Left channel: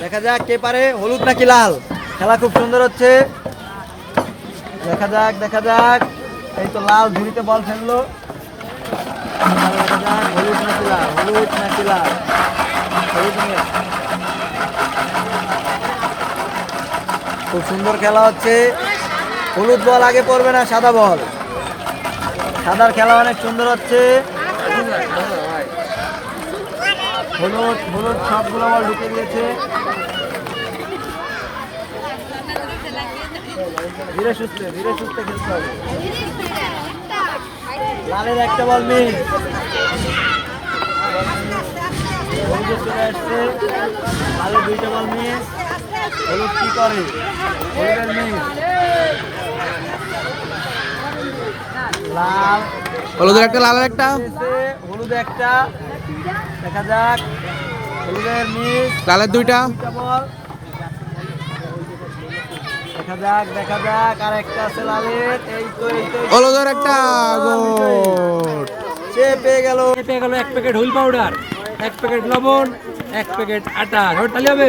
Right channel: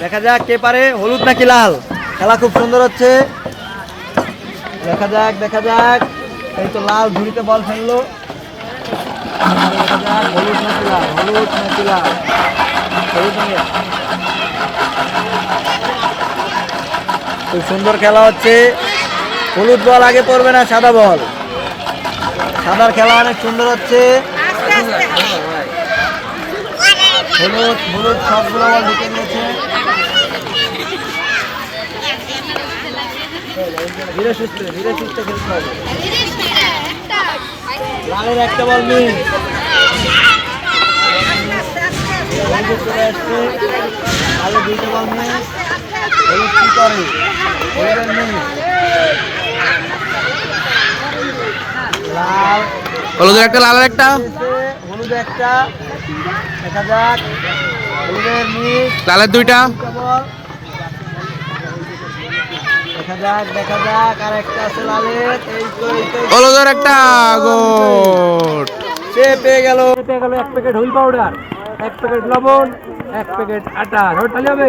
দেখা যাক কে পারে, হলুদ নাকি লাল? খেলা খুব সুন্দর হচ্ছে। দেখা যাক দেখা যাক। এই তো লাল ঝুড়িতে বল ফেলল হলুদ নাকি লাল? হলুদ নাকি লাল? হলুদ খুব সুন্দর খেলা হচ্ছে। হলুদ বল আগে পড়বে না, সাদা বল। সাদার খেলা অনেক সুন্দর হচ্ছে। হলুদ হলুদ সবগুলো বল ঢুকে দিয়েছে। ধীরে সুস্থ ধীরে সুস্থ খেলতে হবে। লালের একটা বল হলুদের চলে আসছে। লালের দুইটা বল মিস হলুদ কি করে? হলুদের মিস লাল। হলুদের একটা লালের একটা? হলুদ একটা। লালের দুইটা। দুইটা দেখা যাক দেখা যাক আর একটা হলুদের গোট সে পেয়ে গেল পেয়ে গেল এক প্যাকেট হুইল পাউডার এক প্যাকেট লবণ এক প্যাকেট আটা। তাহলে হবে